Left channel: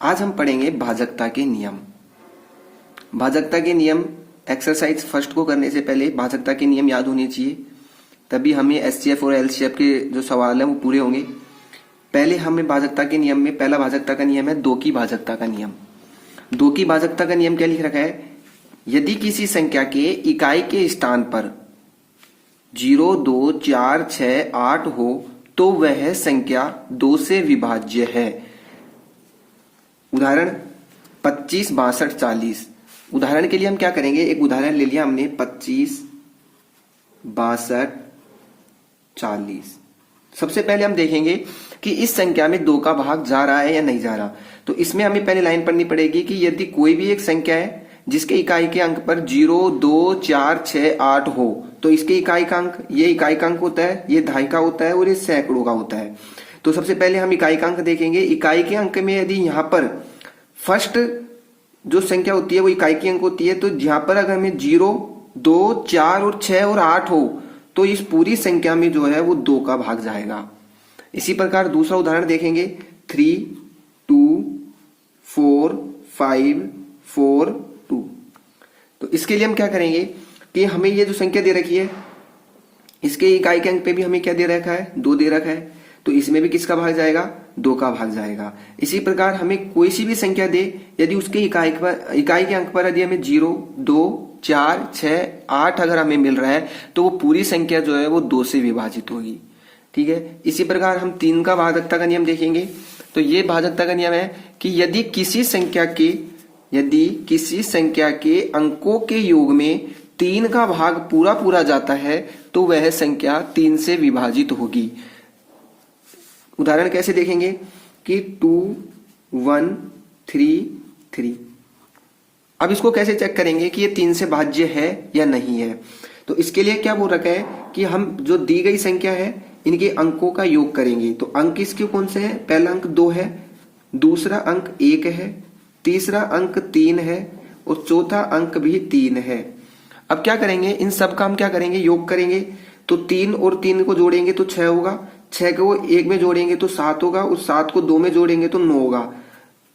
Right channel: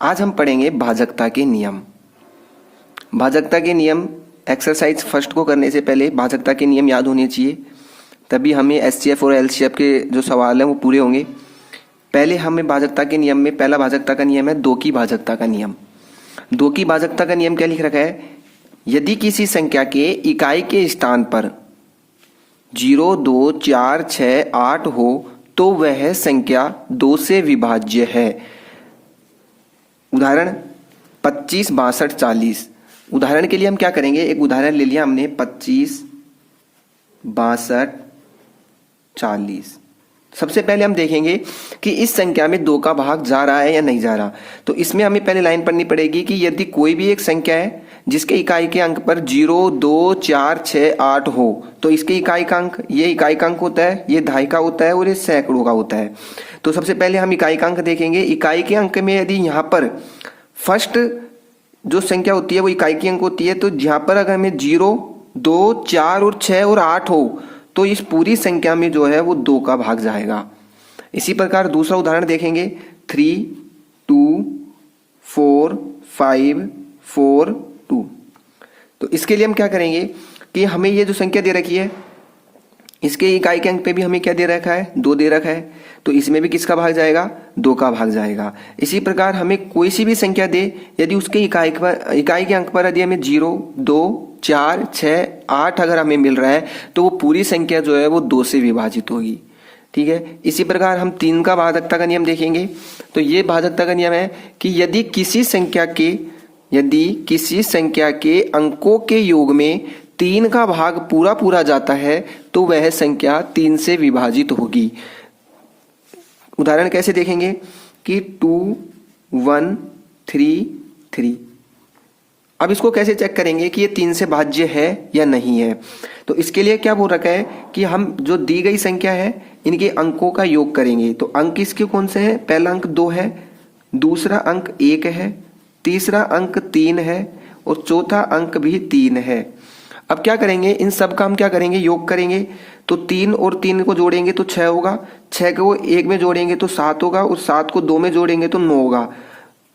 आज हम पढ़ेंगे भाजकता के नियम। भाजकता के नियम एक्सरसाइज फर्स्ट को करने से पहले भाजकता के नियम याद होने चाहिए, तभी हमें एचसीएफ और एलसीएफ के जो सवाल हैं वो पूरे होंगे। पहले हमें भाजकता के नियम में पहला भाजकता का नियम है दो की भाजकता का नियम। दो की भाजकता का नियम क्या लिख रखा है? यदि किसी संख्या के इकाई के स्थान पर 0, 2, 4, 6, 8 हो तो वह संख्या 2 से विभाज्य है। उदाहरण 25, 62, 40। उदाहरण के लिए हम क्या करेंगे, एक उदाहरण ले लिया हमने 25, 62, 40। सबसे पहले हम देखेंगे कि इस संख्या में 2 का भाग जा रहा है या नहीं जा रहा। तो इसमें हमें पहले लाइन पढ़नी पड़ेगी कि यदि कोई भी एक संख्या है जिसके इकाई के अंक पर 0, 2, 4, 6, 8 हो तो इसके इकाई का अंक, ये इकाई का अंक होता है, ये दहाई का होता है और ये सैकड़ों का होता है। तो सबसे पहले हम इकाई का अंक देखेंगे। इकाई के अंक में यदि यहाँ पर फर्स्ट जो संख्या होती है वो इकाई की अंक होती है, तो यहाँ पर अगर हमें 0, 2, 4 और 6 और 8 हो तो इस पूरी संख्या में जो है वो 2 का भाग जाएगा। इसी प्रकार दूसरा उदाहरण देखेंगे 3, 2, 4, 5, 4, 2। तो इसके लिए हम क्या करेंगे कि हमें ये जो संख्या दे रखी है इसके इकाई के अंक पे भी हमें क्या दे रखा है, 2 दे रखा है, तो इसमें भी किसका भाग जाएगा, 2 का भाग जाएगा। इसी प्रकार हमें कोई सी भी संख्या दे, यदि उसके इकाई के अंक पर यदि हमें 0, 2, 4, 6, 8 अगर हमें मिल रहा है तो वो पूरी संख्या जो है वो 2 से विभाजित होगी। ठीक है। इसी प्रकार हम 3 का भाजकता का नियम देखेंगे। तो ये भाजकता का नियम है कि यदि किसी संख्या के अंकों के योग में 3 का भाग पूरा जाता है तो वह संख्या 3 से विभाजित होगी। उदाहरण कैसे देखेंगे कि 2, 1, 3, 3। अब इसको कैसे चेक करेंगे कि ये 3 से भाज्य है या नहीं है। तो इसके लिए क्या बोल रखा है कि हम जो दी गई संख्या है इनके अंकों का योग करेंगे। तो अंक इसके कौन से हैं? पहला अंक 2 है, दूसरा अंक 1 है, तीसरा अंक 3 है और चौथा अंक भी 3 है। अब क्या करेंगे, इन सब का हम क्या करेंगे, योग करेंगे। तो 3 और 3 को जोड़ेंगे तो 6 होगा, 6 को 1 में जोड़ेंगे तो 7 होगा और 7 को 2 में जोड़ेंगे तो 9 होगा।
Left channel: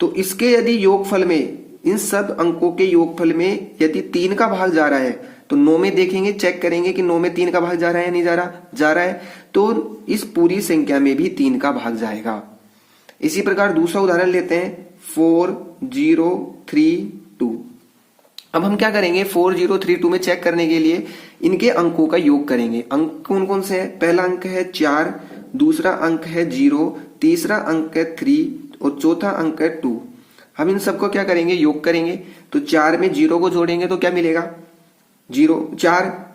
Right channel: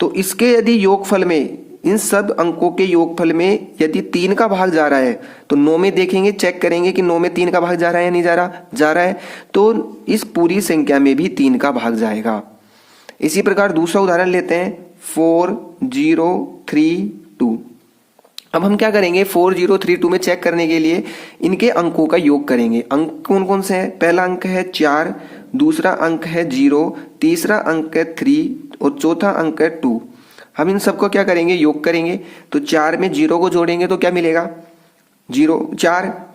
तो इसके यदि योगफल में, इन सब अंकों के योगफल में यदि 3 का भाग जा रहा है तो 9 में देखेंगे, चेक करेंगे कि 9 में 3 का भाग जा रहा है या नहीं जा रहा है, तो इस पूरी संख्या में भी 3 का भाग जाएगा। इसी प्रकार दूसरा उदाहरण लेते हैं 4, 0, 3, 2। अब हम क्या करेंगे, 4, 0, 3, 2 में चेक करने के लिए इनके अंकों का योग करेंगे। अंक कौन कौन से हैं? पहला अंक है 4, दूसरा अंक है 0, तीसरा अंक है 3 और चौथा अंक है 2। हम इन सबको क्या करेंगे, योग करेंगे। तो 4 में 0 को जोड़ेंगे तो क्या मिलेगा, 0,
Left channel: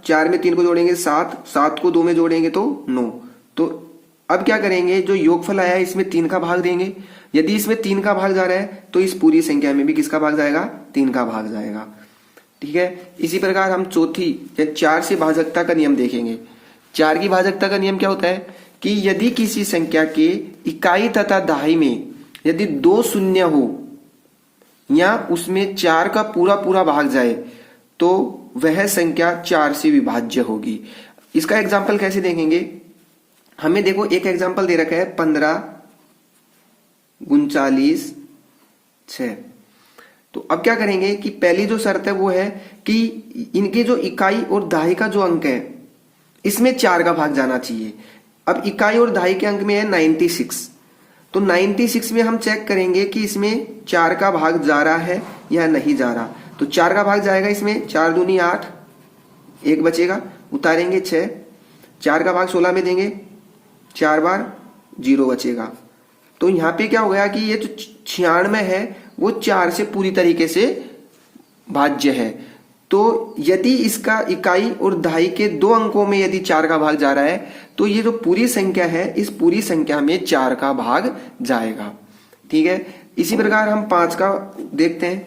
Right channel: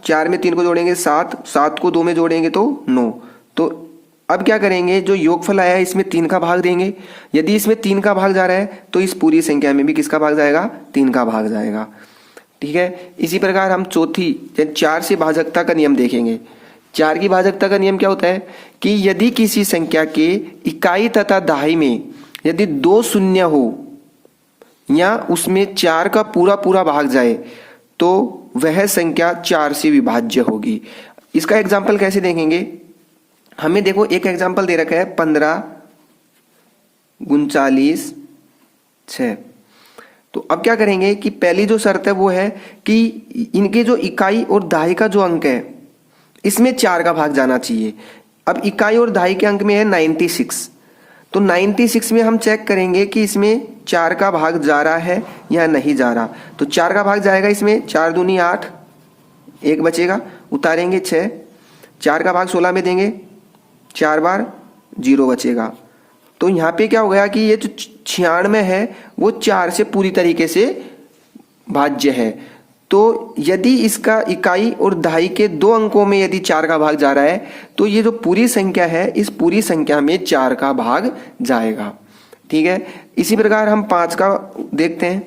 4 में 3 को जोड़ेंगे 7, 7 को 2 में जोड़ेंगे तो 9। तो अब क्या करेंगे, जो योगफल आया है इसमें 3 का भाग देंगे। यदि इसमें 3 का भाग जा रहा है तो इस पूरी संख्या में भी किसका भाग जाएगा, 3 का भाग जाएगा। ठीक है। इसी प्रकार हम चौथी 4 से भाजकता का नियम देखेंगे। 4 की भाजकता का नियम क्या होता है कि यदि किसी संख्या के इकाई तथा दहाई में यदि 2 शून्य हो या उसमें 4 का पूरा भाग जाए तो वह संख्या 4 से विभाज्य होगी। इसका एग्जाम्पल कैसे देखेंगे, हमें देखो एक एग्जाम्पल दे रखा है 15, 39, 6। तो अब क्या करेंगे कि पहली जो शर्त है वो है कि इनके जो इकाई और दहाई का जो अंक है इसमें 4 का भाग जाना चाहिए। अब इकाई और दहाई के अंक में है 96, तो 96 में हम चेक करेंगे कि इसमें 4 का भाग जा रहा है या नहीं जा रहा। तो 4 का भाग जाएगा इसमें, 4 दूनी 8, 1 बचेगा, उतारेंगे 6, 4 का भाग 16 में देंगे, 4 बार 0 बचेगा। तो यहाँ पे क्या हो गया कि ये जो 96 है वो 4 से पूरी तरीके से भाज्य है। तो यदि इसका इकाई और दहाई के 2 अंकों में यदि 4 का भाग जा रहा है तो ये जो पूरी संख्या है इस पूरी संख्या में 4 का भाग जाएगा। ठीक है। इसी प्रकार हम 5 का देखते हैं।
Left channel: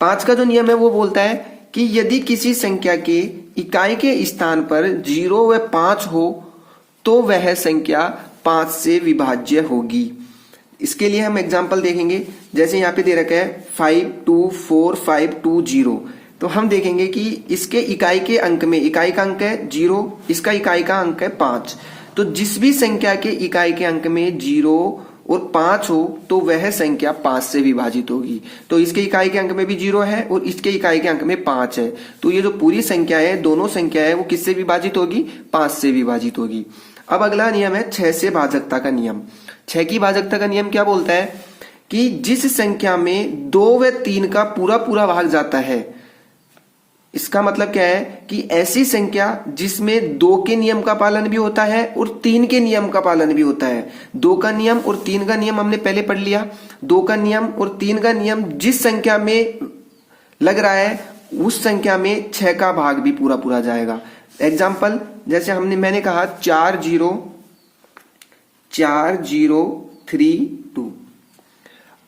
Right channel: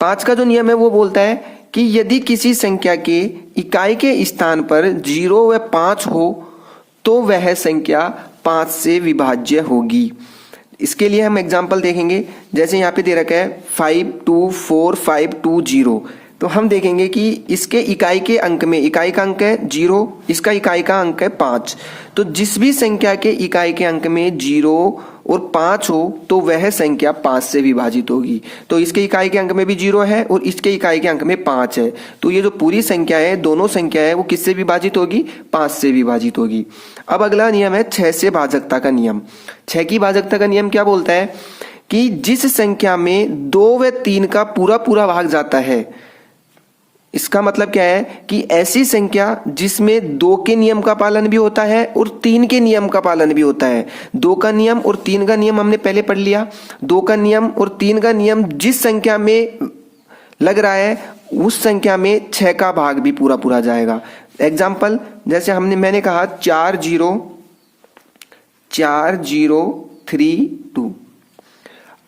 5 का जो नियम है वो बोलता है कि यदि किसी संख्या के इकाई के स्थान पर 0 व 5 हो तो वह संख्या 5 से विभाज्य होगी। इसके लिए हम एग्जाम्पल देखेंगे। जैसे यहाँ पे दे रखा है 5, 2, 4, 5, 2, 0। तो हम देखेंगे कि इसके इकाई के अंक में, इकाई का अंक है 0, इसका इकाई का अंक है 5। तो जिस भी संख्या के इकाई के अंक में 0, और 5 हो तो वह संख्या 5 से विभाजित होगी। तो इसके इकाई के अंक में भी 0 है और इसके इकाई के अंक में 5 है, तो ये जो पूरी संख्या है, दोनों संख्या है, वो किससे विभाजित होगी? 5 से विभाजित होगी। अब अगला नियम है 6 से भाजकता का नियम। 6 की भाजकता का नियम क्या बोलता है कि जिस संख्या में 2 व 3 का पूरा पूरा भाग जाता है, इसका मतलब क्या है कि ऐसी संख्या जिसमें 2 के नियम का पालन भी होता है और 3 के नियम का पालन भी होता है। 2 का नियम और 3 का नियम हमने पहले पढ़ लिया। 2 का नियम और 3 का नियम जिस संख्या में लग रहा है उस संख्या में 6 का भाग भी पूरा पूरा जाएगा। एग्जाम्पल जैसे मैंने कहा 4 0 4 0 3 2।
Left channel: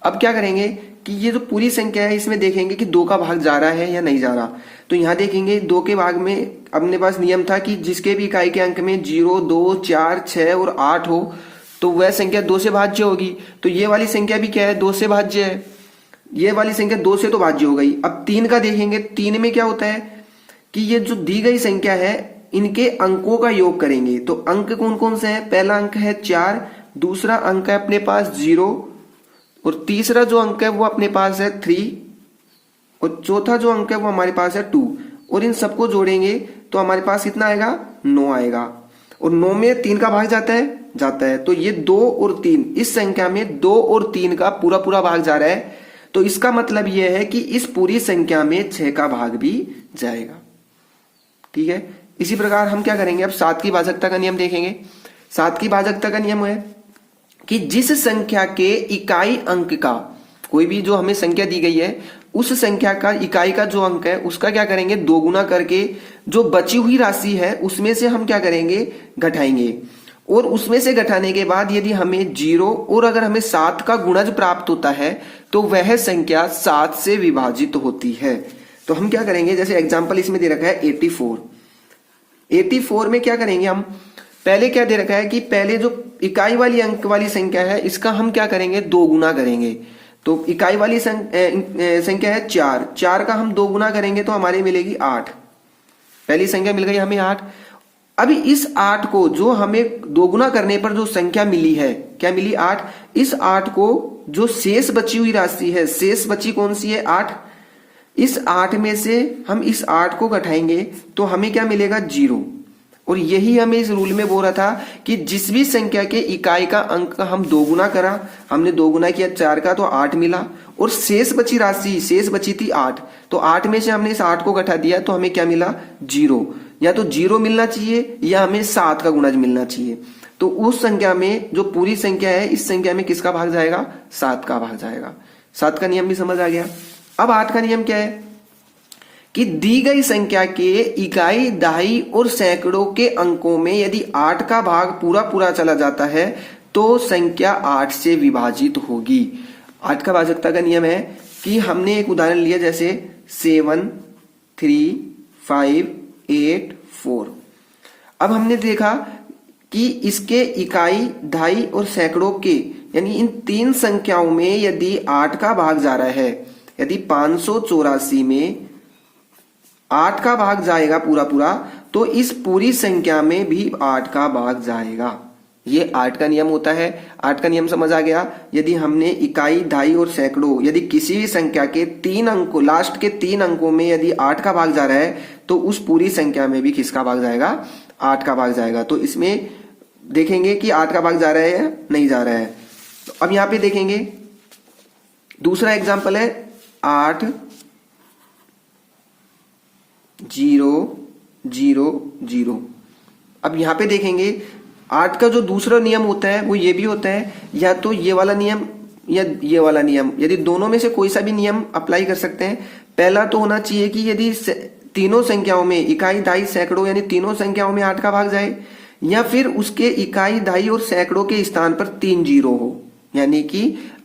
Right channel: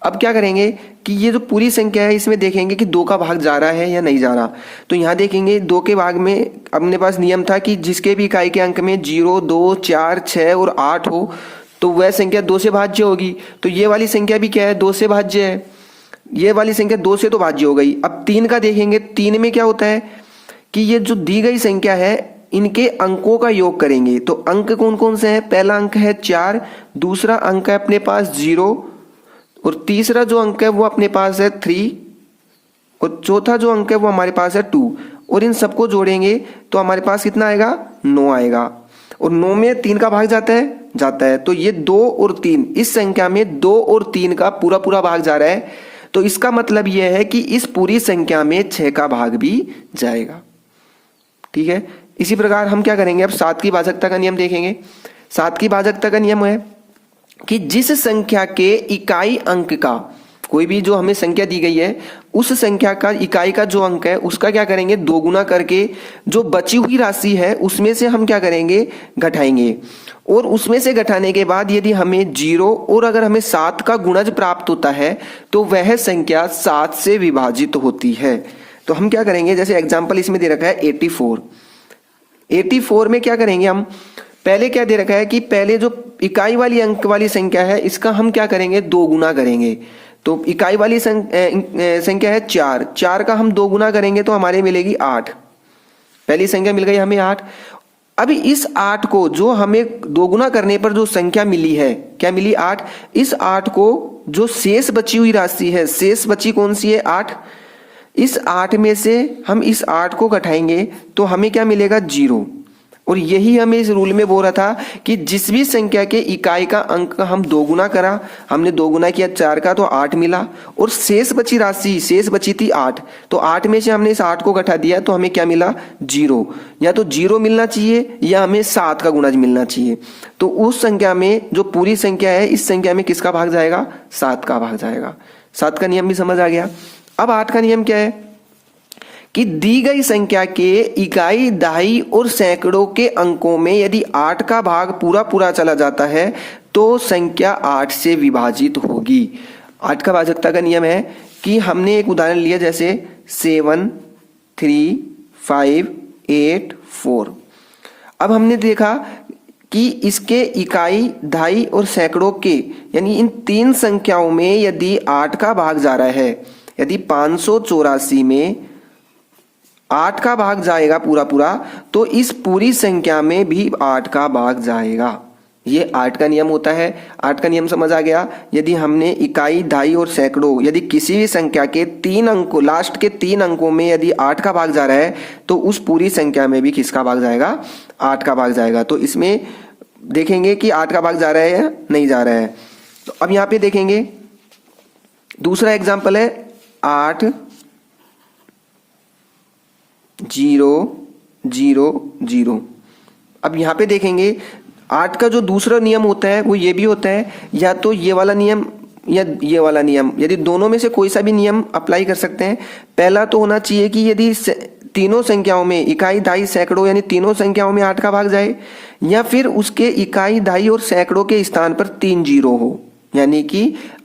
अब क्या करेंगे कि ये जो पूरी संख्या है इसमें देखेंगे कि 2 का भाग जा रहा है या नहीं जा रहा। तो यहां देखेंगे 2 के भाग में अपने पास नियम था कि जिसके भी इकाई के अंक में 0 2 4 6 और 8 हो तो वह संख्या 2 से भाज्य होगी। तो ये वाली संख्या भी क्या है? 2 से भाज्य है। ये वाली संख्या 2 से तो भाज्य हो गई। अब 3 का देखेंगे, 3 में क्या होता है कि ये जो दी गई संख्या है इनके अंकों का योग करेंगे। तो अंक कौन कौन से हैं? पहला अंक है 4, दूसरा अंक है अपने पास 0 और तीसरा जो अंक है वो अपने पास है 3 और चौथा जो अंक है वो हमारे पास है 2 और इन सबको जोड़ेंगे तो हमारे पास कितना आएगा? 9 आएगा। और 9 में 3 का भाग जाता है। तो ये 2 और 3, इस संख्या में 2 और 3 का पूरा पूरा भाग जा रहा है। तो इसका मतलब यह है कि इस पूरी संख्या में 6 का भाग भी जाएगा। ठीक है, इसी प्रकार हम क्या करेंगे? अब 7 की भाजकता का नियम देखेंगे। 7 की भाजकता का नियम है कि जिस संख्या के इकाई अंक का, कोई भी जो हमें संख्या दी गई है उस संख्या का इकाई का जो अंक है उसका क्या करेंगे? 2 गुना करके जो बची हुई राशि है उसमें से हम क्या करेंगे? घटाएंगे। और उसमें से घटाने के बाद यदि हमें 0 और अगर हमें 7 का गुणज प्राप्त होता है तो वह संख्या 7 से विभाजित होती है। तो हम क्या करेंगे? जैसे एग्जाम्पल इसमें दे रखा है 84। 84 में क्या करेंगे हम? पहले क्या दे रखा है कि पहले जो इकाई वाली अंक वाली संख्या है इसका हम क्या करेंगे? 2 गुना करेंगे। तो इकाई वाली संख्या है 4, 4 का हम 2 गुना करेंगे तो हमारे मिलेगी 8। पहली संख्या मिल गई हमें 8। अभी इस 8 को जो हमें 2 गुना करने पर जो संख्या मिली है, क्या मिली? 8। इस 8 को जो शेष बची हुई राशि है, शेष बची कौन सी है? 8। इस 8 में से हम इस 8 को घटाएंगे तो हमें क्या मिलेगा? 0। और यही हमें इस रूल में बोल रहा था कि जिस भी संख्या के इकाई का अंक का हम 2 गुना करा, हमने 2 गुना किया 4 का तो 8 मिला और शेष बची राशि, शेष बची थी 8, तो 8 में से हमने इस 8 को घटा दिया तो हमें क्या मिला? 0। या तो 0 मिलना चाहिए या हमें 7 का गुणज मिलना चाहिए। तो उस संख्या में जो पूरी संख्या है इस संख्या में किसका भाग जाएगा? 7 का भाग जाएगा। 7 का नियम भी समझ आ गया। अब 8 का नियम क्या है कि दी गई संख्या के इकाई, दहाई और सैकड़ों के अंकों में यदि 8 का भाग पूरा पूरा चला जाता है तो संख्या 8 से विभाजित होगी। 8 का भाजकता का नियम है कि हमने एक उदाहरण लिया जैसे 7 3 5 8 4। अब हमने देखा कि इसके इकाई, दहाई और सैकड़ों के यानी इन 3 संख्याओं में यदि 8 का भाग जा रहा है, यदि 584 में 8 का भाग जाएगा पूरा पूरा तो इस पूरी संख्या में भी 8 का भाग जाएगा। ये 8 का नियम होता है। 8 का नियम समझ आ गया। यदि हमने इकाई, दहाई और सैकड़ों यदि किसी भी संख्या के 3 अंकों, लास्ट के 3 अंकों में यदि 8 का भाग जा रहा है तो उस पूरी संख्या में भी किसका भाग जाएगा? 8 का भाग जाएगा। तो इसमें देखेंगे कि 8 का भाग जा रहा है या नहीं जा रहा है। तो अब यहां पे देखेंगे दूसरा एग्जाम्पल है 8 0 0 0। अब यहां पे देखेंगे 8 का जो दूसरा नियम होता है वो ये भी होता है, या तो ये वाला नियम या ये वाला नियम, यदि दोनों में से कोई सा भी नियम अप्लाई कर सकते हैं। पहला तो होना चाहिए कि यदि तीनों संख्याओं में इकाई, दहाई, सैकड़ों यानी तीनों संख्याओं में 8 का भाग जाए, या फिर उसके इकाई, दहाई और सैकड़ों के स्थान पर 3 जीरो हो, यानी कि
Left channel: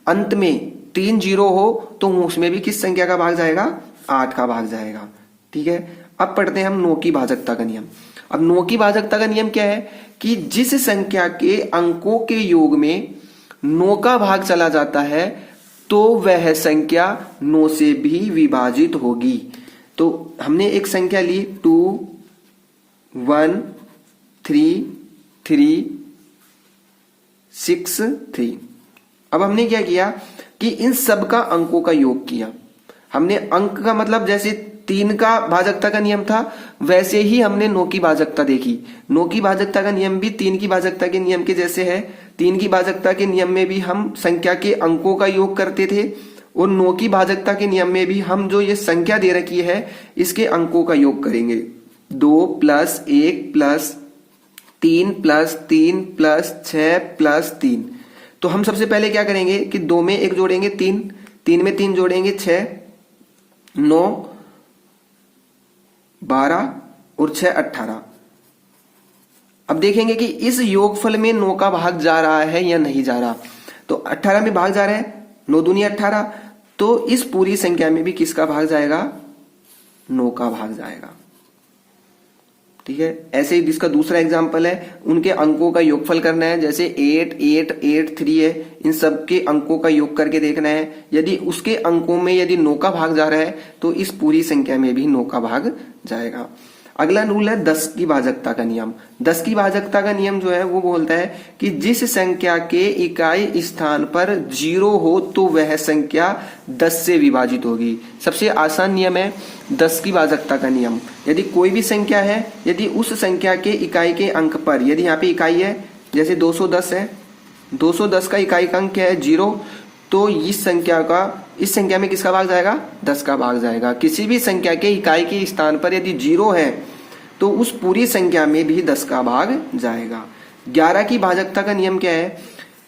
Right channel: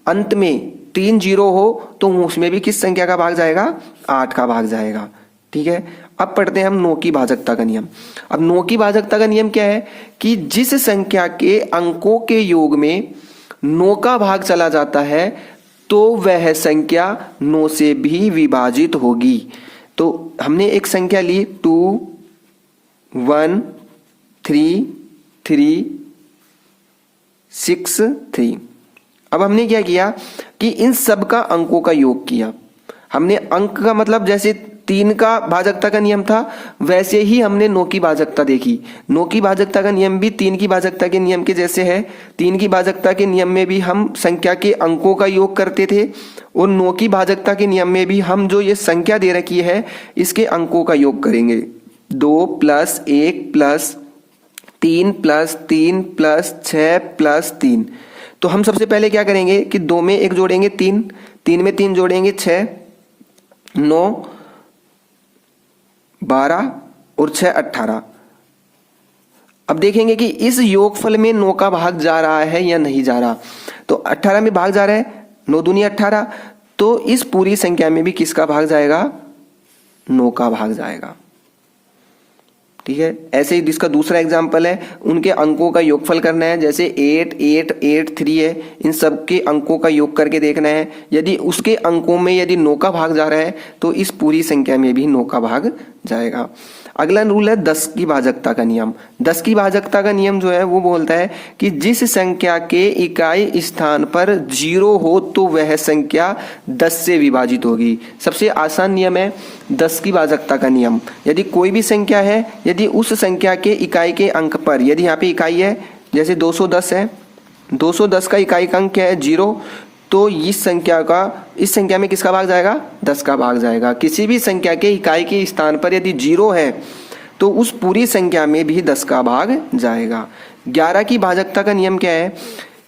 अंत में 3 जीरो हो तो उसमें भी किस संख्या का भाग जाएगा? 8 का भाग जाएगा। ठीक है, अब पढ़ते हैं हम 9 की भाजकता का नियम। अब 9 की भाजकता का नियम क्या है कि जिस संख्या के अंकों के योग में 9 का भाग चला जाता है तो वह संख्या 9 से भी विभाजित होगी। तो हमने एक संख्या ली 2 1 3 3 6 3। अब हमने क्या किया कि इन सब का अंकों का योग किया। हमने अंक का मतलब जैसे 3 का भाजकता का नियम था वैसे ही हमने 9 की भाजकता देखी। 9 की भाजकता का नियम भी 3 की भाजकता के नियम के जैसे है। 3 की भाजकता के नियम में भी हम संख्या के अंकों का योग करते थे और 9 की भाजकता के नियम में भी हम जो ये संख्या दे रखी है इसके अंकों का योग करेंगे। 2 + 1 + 3 + 3 + 6 + 3। तो हम सबसे पहले क्या करेंगे कि 2 में 1 जोड़ेंगे 3, 3 में 3 जोड़ेंगे 6, 9 12 और 6 18। अब देखेंगे कि इस योगफल में 9 का भाग जा रहा है या नहीं जा रहा। तो 18 में भाग जा रहा है, 9 दूनी 18। तो इस पूरी संख्या में भी किसका भाग जाएगा? 9 का भाग जाएगा। ठीक है। ऐसे ही जिसका दूसरा एग्जाम्पल है उनके अंकों का योगफल करना है। जैसे 8 8 8 3 है, इन सब के अंकों का योग करके देखना है। यदि उसके अंकों में यदि 9 का भाग जा रहा है तो इस पूरी संख्या में भी 9 का भाग जाएगा। अगला रूल है 10 की भाजकता का नियम। 10 की भाजकता का नियम जो है वो बोलता है कि जिस संख्या के इकाई स्थान पर 0 हो तो वह संख्या 10 से विभाजित होगी। सबसे आसान नियम है 10 की भाजकता का नियम। यदि कोई भी संख्या है, यदि उस संख्या के इकाई के अंक पर, यदि यहाँ पे इकाई है जैसे 210 है, 210 का इकाई का अंक है 0, तो इस संख्या में किसका भाग जाएगा? 10 का भाग जाएगा। किसी भी संख्या के इकाई के स्थान पर यदि 0 है तो उस पूरी संख्या में भी 10 का भाग जाएगा। 11 की भाजकता का नियम क्या है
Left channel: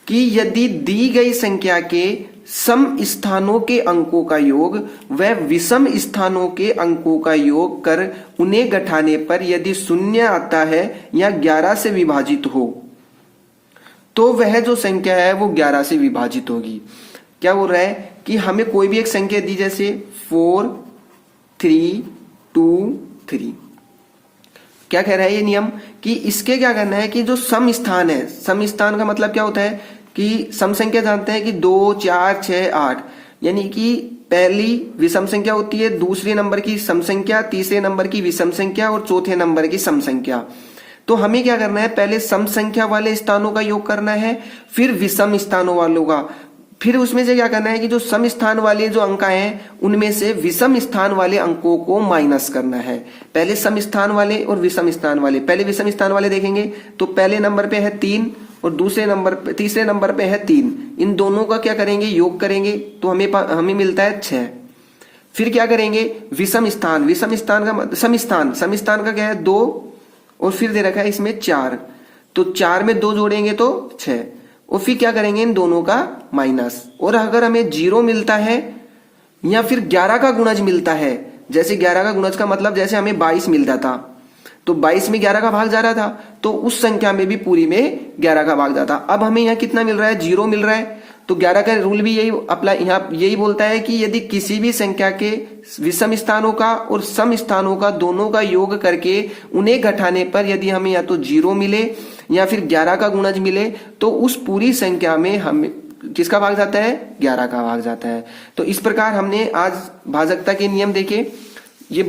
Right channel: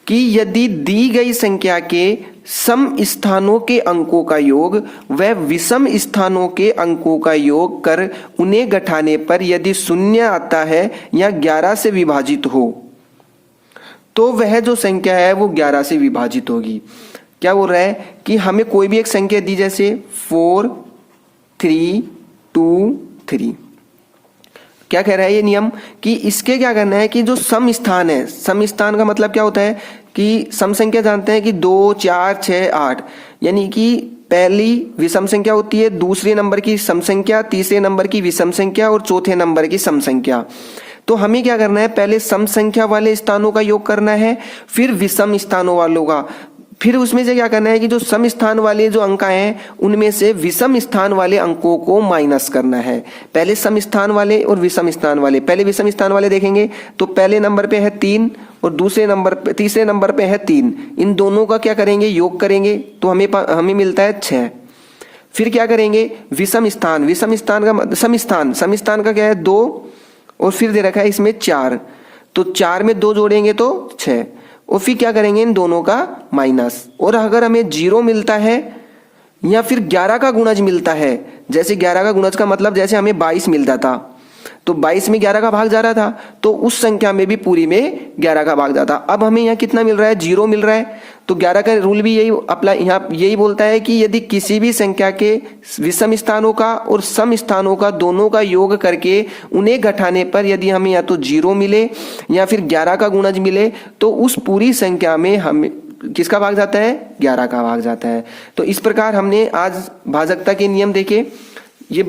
कि यदि दी गई संख्या के सम स्थानों के अंकों का योग व विषम स्थानों के अंकों का योग कर उन्हें घटाने पर यदि 0 आता है या 11 से विभाजित हो तो वह जो संख्या है वो 11 से विभाजित होगी। क्या बोल रहा है कि हमें कोई भी एक संख्या दी जैसे 4 3 2 3। क्या कह रहा है ये नियम कि इसके क्या करना है कि जो सम स्थान है, सम स्थान का मतलब क्या होता है कि सम संख्या जानते हैं कि 2 4 6 8, यानी कि पहली विषम संख्या होती है, दूसरे नंबर की सम संख्या, तीसरे नंबर की विषम संख्या और चौथे नंबर की सम संख्या। तो हमें क्या करना है, पहले सम संख्या वाले स्थानों का योग करना है, फिर विषम स्थानों वालों का, फिर उसमें से क्या करना है कि जो सम स्थान वाले जो अंक हैं उनमें से विषम स्थान वाले अंकों को माइनस करना है। पहले सम स्थान वाले और विषम स्थान वाले। पहले विषम स्थान वाले देखेंगे तो पहले नंबर पे है 3 और तीसरे नंबर पे है 3। इन दोनों का क्या करेंगे, योग करेंगे तो हमें मिलता है 6। फिर क्या करेंगे, विषम स्थान का सम स्थान का क्या है 2 और फिर दे रखा है इसमें 4, तो 4 में 2 जोड़ेंगे तो 6 और फिर क्या करेंगे इन दोनों का माइनस। और अगर हमें 0 मिलता है या फिर 11 का गुणज मिलता है, जैसे 11 का गुणज का मतलब जैसे हमें 22 मिलता था तो 22 में 11 का भाग जा रहा था तो उस संख्या में भी पूरी में 11 का भाग जाता। अब हमें यहाँ कितना मिल रहा है, 0 मिल रहा है। तो 11 का रूल भी यही अप्लाई यहाँ यही बोलता है कि यदि किसी भी संख्या के विषम स्थानों का और सम स्थानों का दोनों का योग करके उन्हें घटाने पर यदि हमें या तो 0 मिले या फिर 11 का गुणज मिले तो उस पूरी संख्या में हमें किसका भाग जाता है, 11 का भाग जाता है। तो इस प्रकार हमने आज भाजकता के नियम देखे।